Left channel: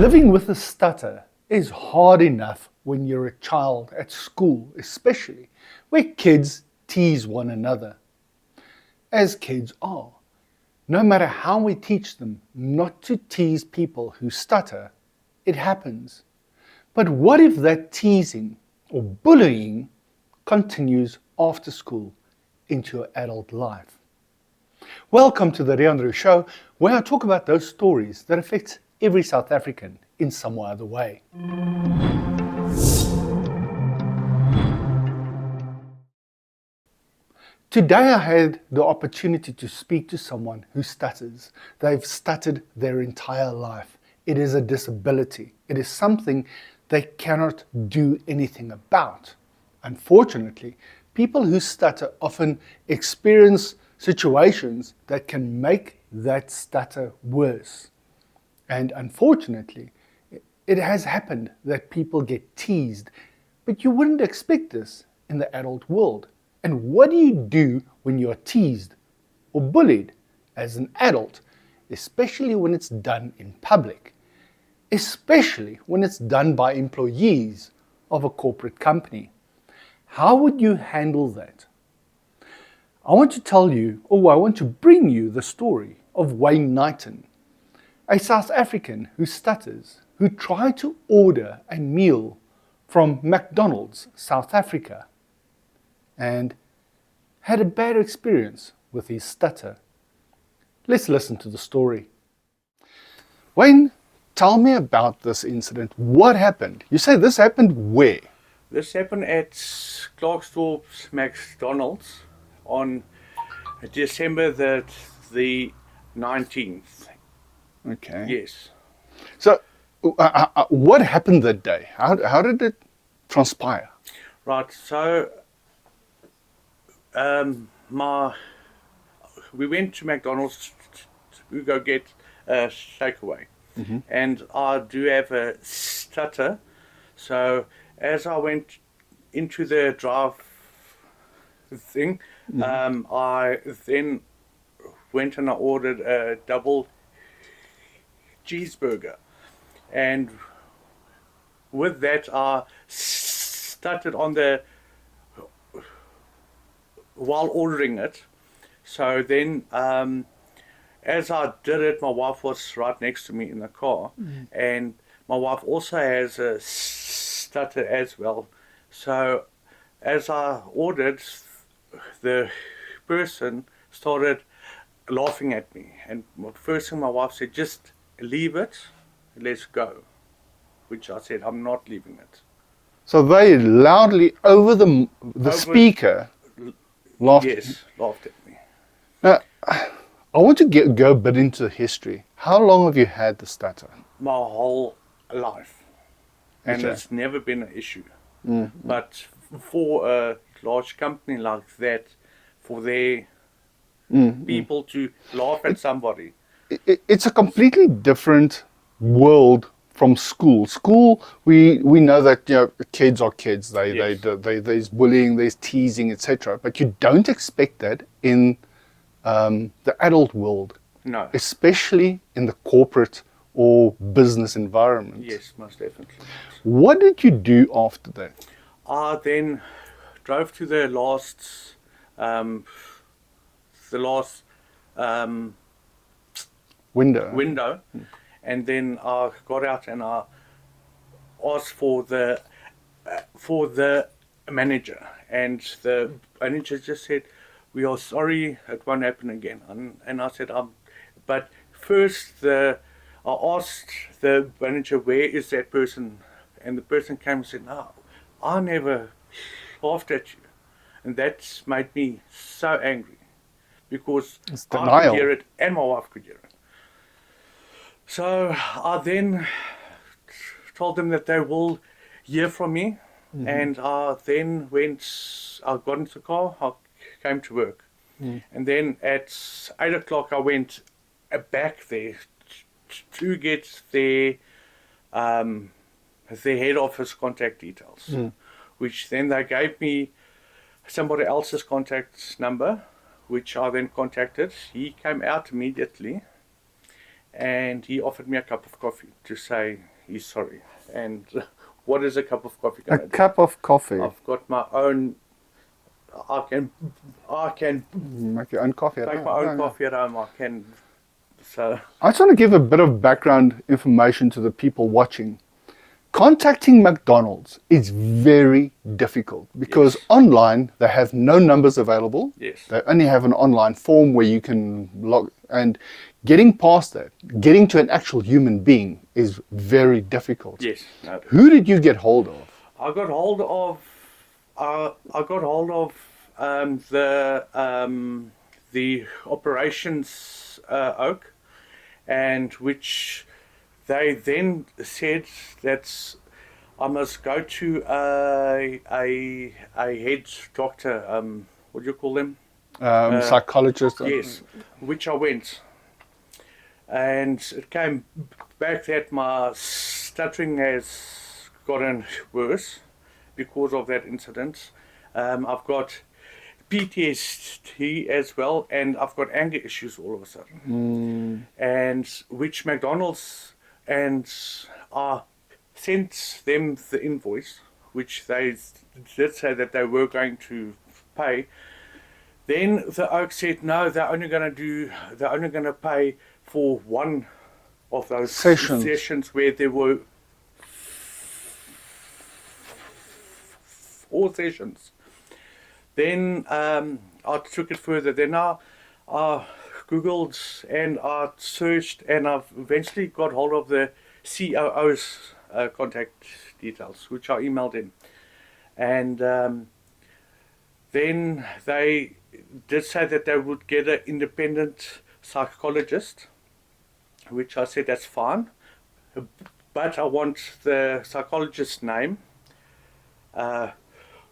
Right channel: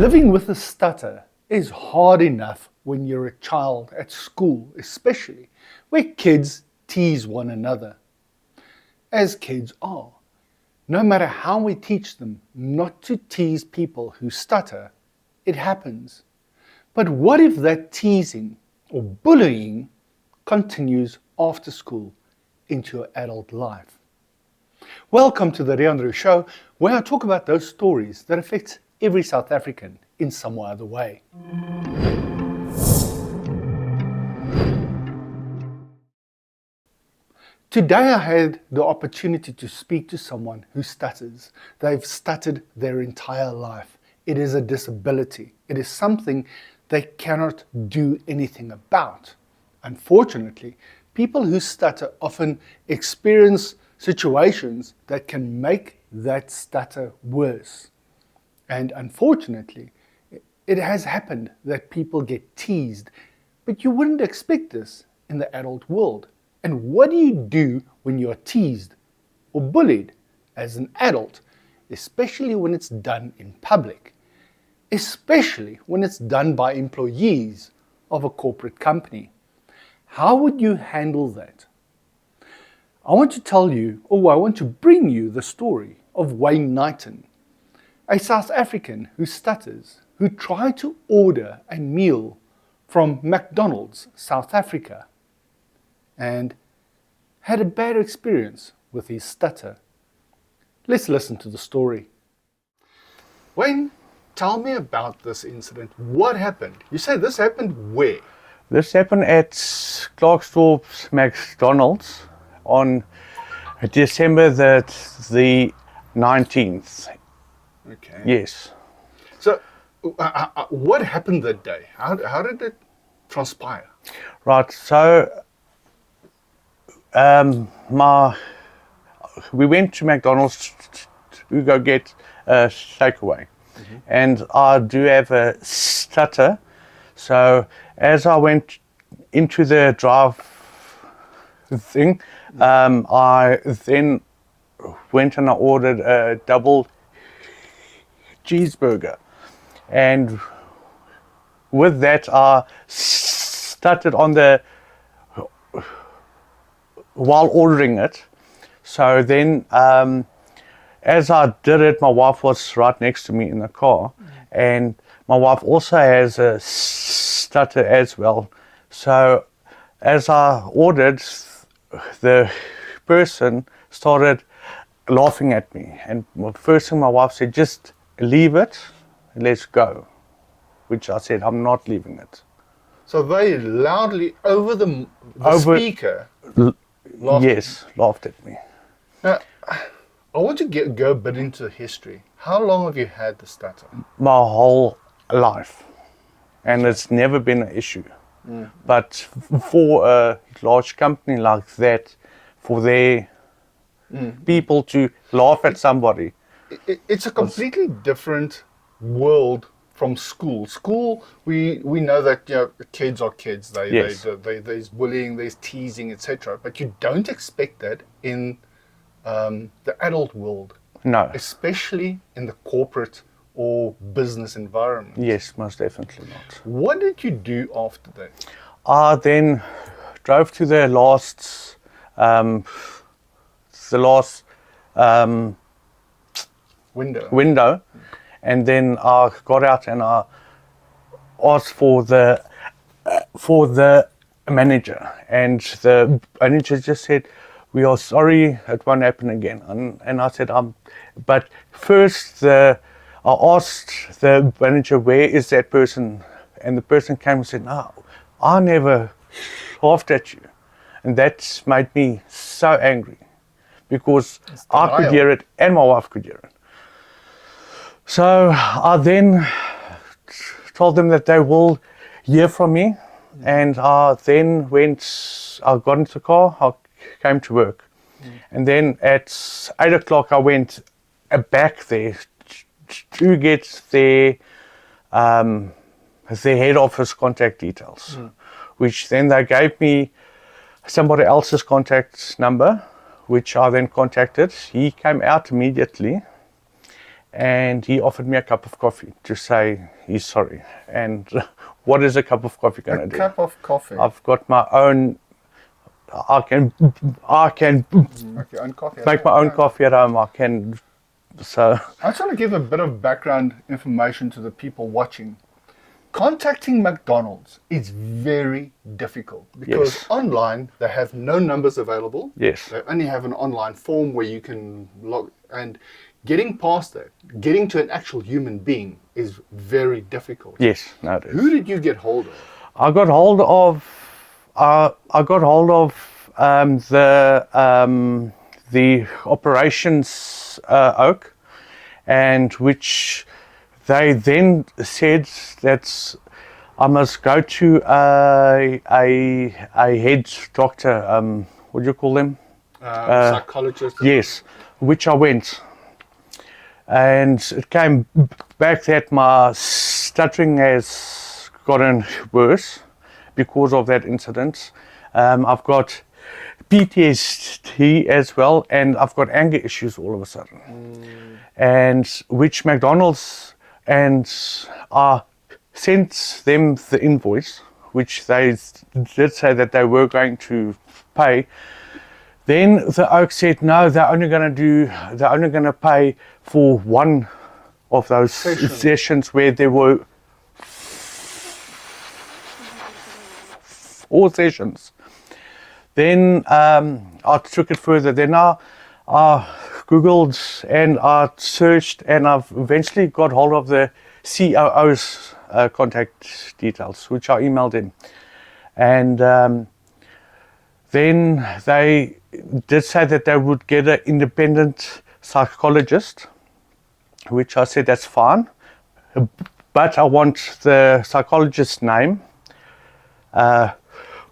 Living with a stutter is hard enough when you're a child at school, especially where kids tease one another, as kids are. No matter how we teach them not to tease people who stutter, it happens. But what if that teasing or bullying continues after school into your adult life? Welcome to the Leandro Show, where I talk about those stories that affect every South African in some other way. Today I had the opportunity to speak to someone who stutters. They've stuttered their entire life. It is a disability. It is something they cannot do anything about. Unfortunately, people who stutter often experience situations that can make that stutter worse. And unfortunately, it has happened that people get teased, but you wouldn't expect this in the adult world. And what do you do when you're teased or bullied as an adult, especially when it's done in public, especially when it's done by employees of a corporate company? How would you handle that? I want to bring you the story of Wayne Knighton, a South African who stutters, who tried to order a meal from McDonald's, South Africa, and had a bad experience with his stutter. Let's listen to the story. Wayne, tell me about this incident. What happened? You say this happened where? This happened at Clarksdorp's McDonald's on December the 19th. Okay. Yes. So, what happened that day? How did it transpire? Right. So, we went to McDonald's to go get a takeaway, and I do have a stutter. So, as I went into the drive thing, I then went and I ordered a double cheeseburger, and with that I stuttered on the while ordering it. So then as I did it, my wife was right next to me in the car, and my wife also has a stutter as well. So as I ordered, the person started laughing at me, and the first thing my wife said, "Just leave it, let's go," which I said, "I'm not leaving it." So they loudly over the speaker laughed. Yes, laughed at me. Now, I want to go a bit into history. How long have you had the stutter? My whole life, and Okay. it's never been an issue. But for a large company like that, for their people to laugh at somebody, It's a completely different world from school. School, we know that kids are kids. Yes. There's bullying, there's teasing, etc. But you don't expect that in the adult world. no. Especially in the corporate or business environment. Yes, most definitely not. What did you do after that? I then drove to the last window, and then I got out and I asked for the manager, and the manager just said, "We are sorry, it won't happen again." And I said, but first I asked the manager, "Where is that person?" And the person came and said, "No, I never laughed at you." And that made me so angry, because I could hear it and my wife could hear it. So I then told them that they will hear from me, and I then I got into the car, I came to work. And then at 8 o'clock I went back there to get their head office contact details, which then they gave me somebody else's contact number, which I then contacted. He came out immediately, and he offered me a cup of coffee to say he's sorry. And what is a cup of coffee going to do? A cup of coffee. I've got my own. I can Make your own coffee. make my own coffee at home. I can. So I just want to give a bit of background information to the people watching. Contacting McDonald's is very difficult because Yes. online they have no numbers available. Yes. They only have an online form where you can log, and getting past that, getting to an actual human being is very difficult. yes, no. it is. Who did you get hold of? I got hold of. The operations oak, and which they then said that I must go to a head doctor. What do you call them? Psychologist. Yes, which I went, and it came back that my stuttering has gotten worse because of that incident. I've got PTSD as well, and I've got anger issues all of a sudden. And which McDonald's, and I sent them the invoice, which they did say that they were going to pay. Then the oak said no, they're only going to pay for one of those sessions where there were 4 sessions. Then I took it further. Then I Googled and I searched, and I've eventually got hold of the COO's contact details, which I emailed in. And then they did say that they would get an independent psychologist, which I said that's fine, but I want the psychologist's name,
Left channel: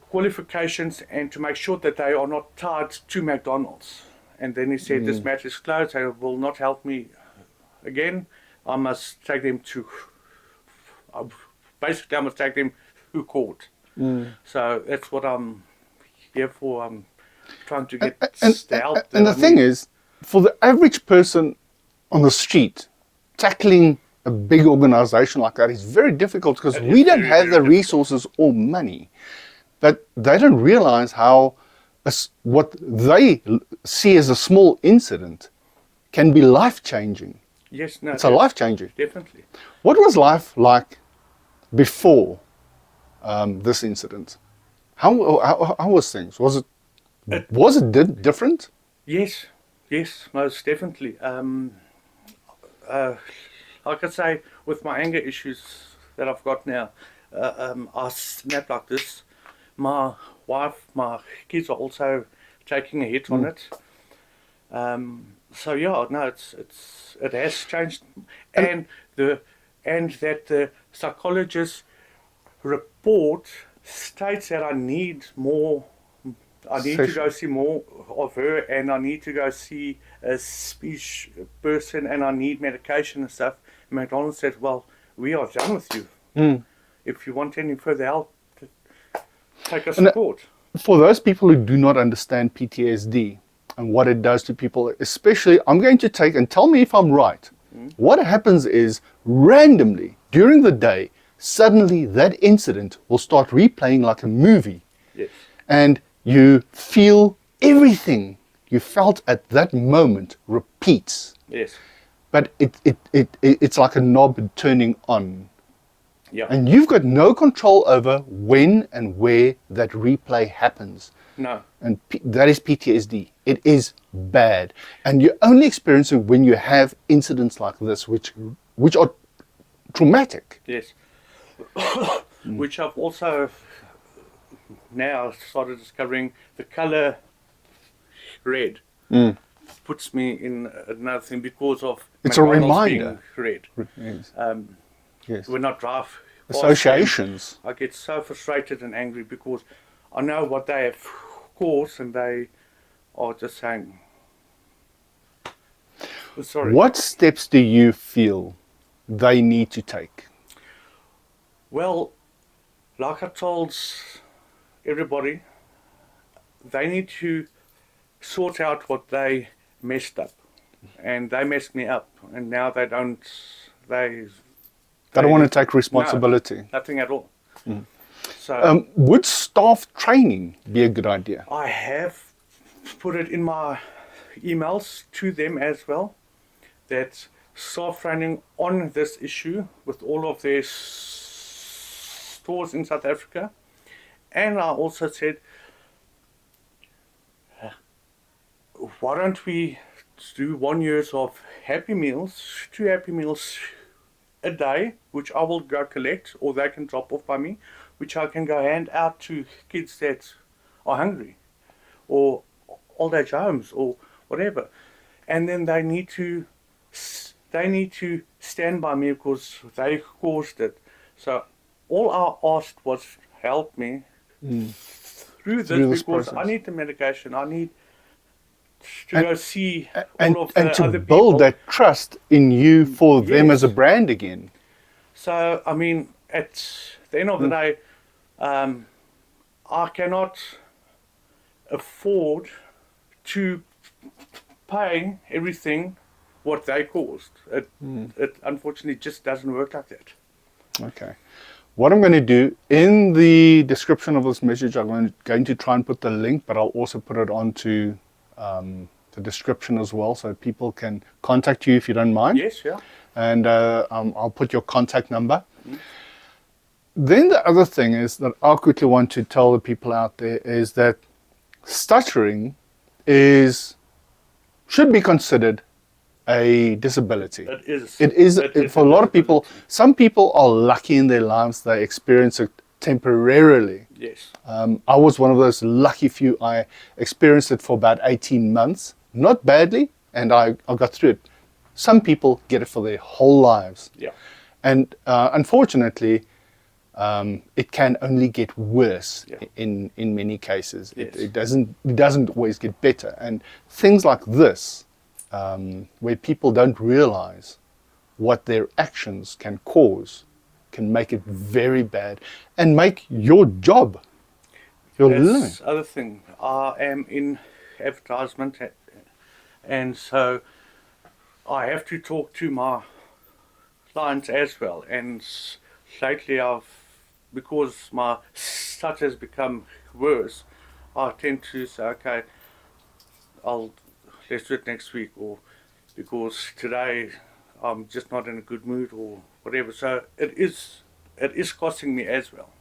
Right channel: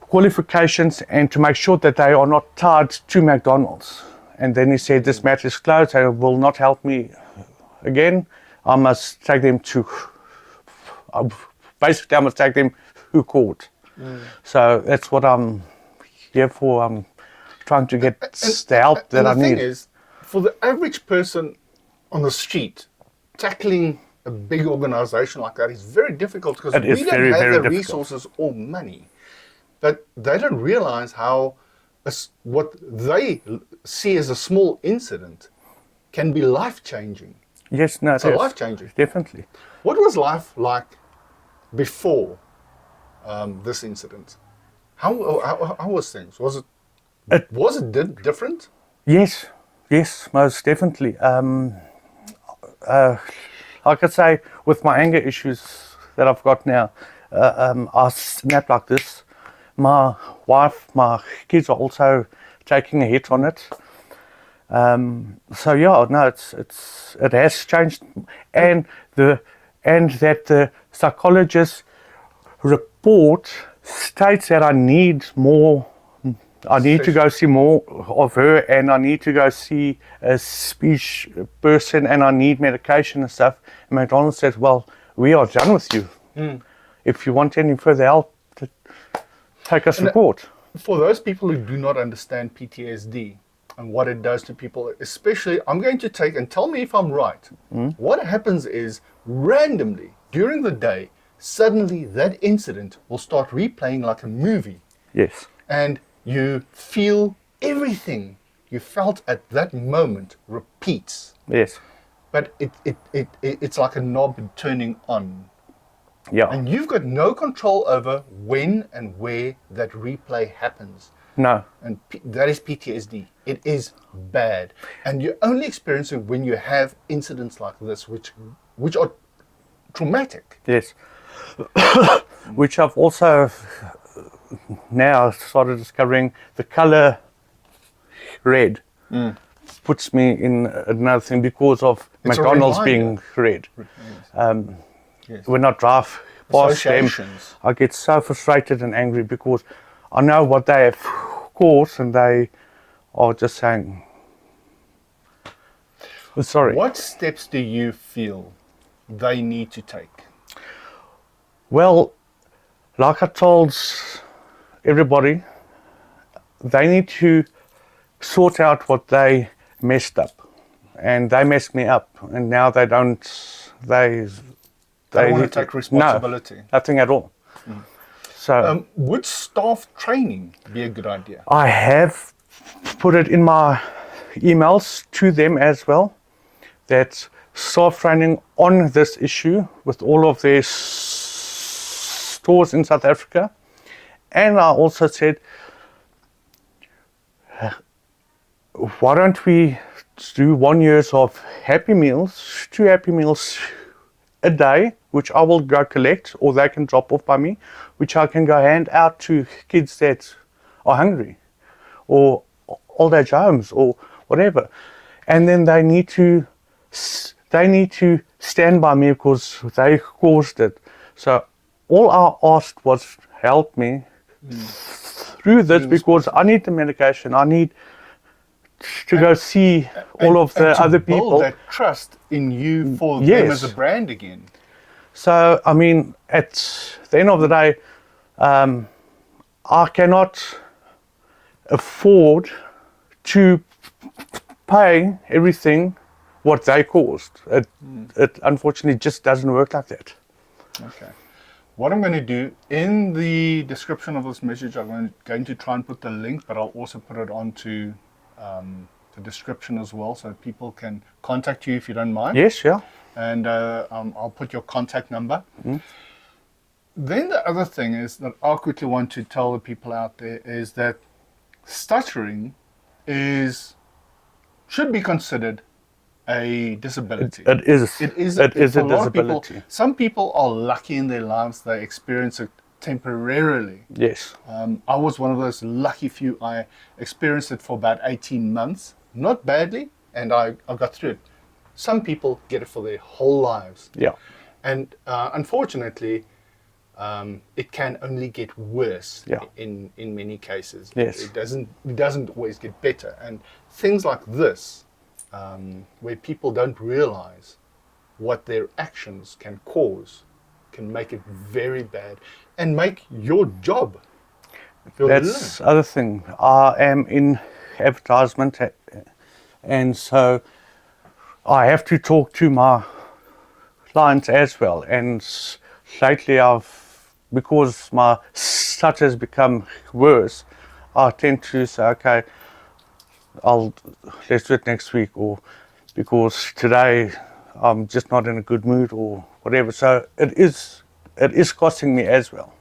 qualifications, and to make sure that they are not tied to McDonald's. And then he said, this matter is closed and will not help me again. I must take them to, basically I must take them to court. So that's what I'm here for. I'm trying to get the help that I need. And the thing is, for the average person on the street, tackling a big organization like that is very difficult because It is we don't very, have very the difficult. resources or money. But they don't realize how what they see as a small incident can be life-changing. Yes, no, It's a life-changer. Definitely. What was life like before this incident? How was things? Was it different? Yes, most definitely. Like I say, with my anger issues that I've got now, I snap like this. My wife, my kids are also taking a hit on it. So yeah, no, it has changed, and that the psychologist report states that I need more. I need to go see more of her, and I need to go see a speech person, and I need medication and stuff. And McDonald's said, well, we are done with you. If you want any further help, take us report. For those people who do not understand PTSD and what it does to people, especially, I'm going to take, and tell me if I'm right. What happens is, randomly, during the day, suddenly that incident will start replaying like a movie. Yes. And you feel everything you felt at that moment repeats. Yes. But it's like a knob turning on. Yeah. And you've got no control over when and where that replay happens. No. And that is PTSD. It is bad. And you only experience it when you have incidents like this, which are traumatic. Yes. Which I've also now started discovering the color red puts me in another thing because of It's a McDonald's reminder. being red. Yes. Yes. When I drive past them, Associations. I get so frustrated and angry because I know what they have caused, and they are just saying, sorry. What steps do you feel they need to take? Well, like I told everybody, they need to sort out what they messed up and they messed me up, and now they don't. They don't want to take responsibility. No, nothing at all. So would staff training be a good idea? I have put it in my emails to them as well, that staff training on this issue with all of their stores in South Africa. And I also said, why don't we do 1 year of Happy Meals, 2 Happy Meals a day, which I will go collect, or they can drop off by me, which I can go hand out to kids that are hungry, or old age homes, or whatever. And then they need to stand by me because they caused it. So all I asked was help me through this, because process. I need the medication. I need to go see And all of the to other build people. that trust in you for them Yes. as a brand again. So, I mean, at the end of the day, I cannot afford to pay everything what they caused. It unfortunately just doesn't work like that. Okay. What I'm going to do, in the description of this message, I'm going to try and put the link, but I'll also put it onto the description as well, so people can contact you if you don't mind. Yes, yeah. And I'll put your contact number. Then the other thing is that I quickly want to tell the people out there is that stuttering should be considered a disability. It is. It is for a lot of people. disability. Some people are lucky in their lives; they experience it temporarily. Yes. I was one of those lucky few. I experienced it for about 18 months, not badly, and I got through it. Some people get it for their whole lives. Yeah. And unfortunately, it can only get worse in many cases. Yes. It doesn't always get better. And things like this, where people don't realize what their actions can cause, can make it very bad and make your job, your That's the other thing. I am in advertisement, and so I have to talk to my clients as well. And lately, because my stutter has become worse, I tend to say, okay, let's do it next week, or because today I'm just not in a good mood, or whatever. So it is costing me as well.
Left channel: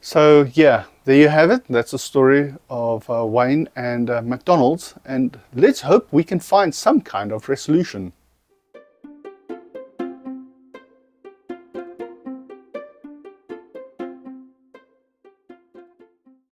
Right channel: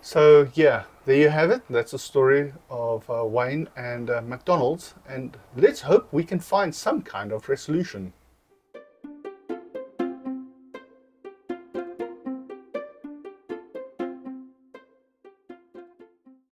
So yeah, there you have it. That's the story of Wayne and McDonald's, and let's hope we can find some kind of resolution.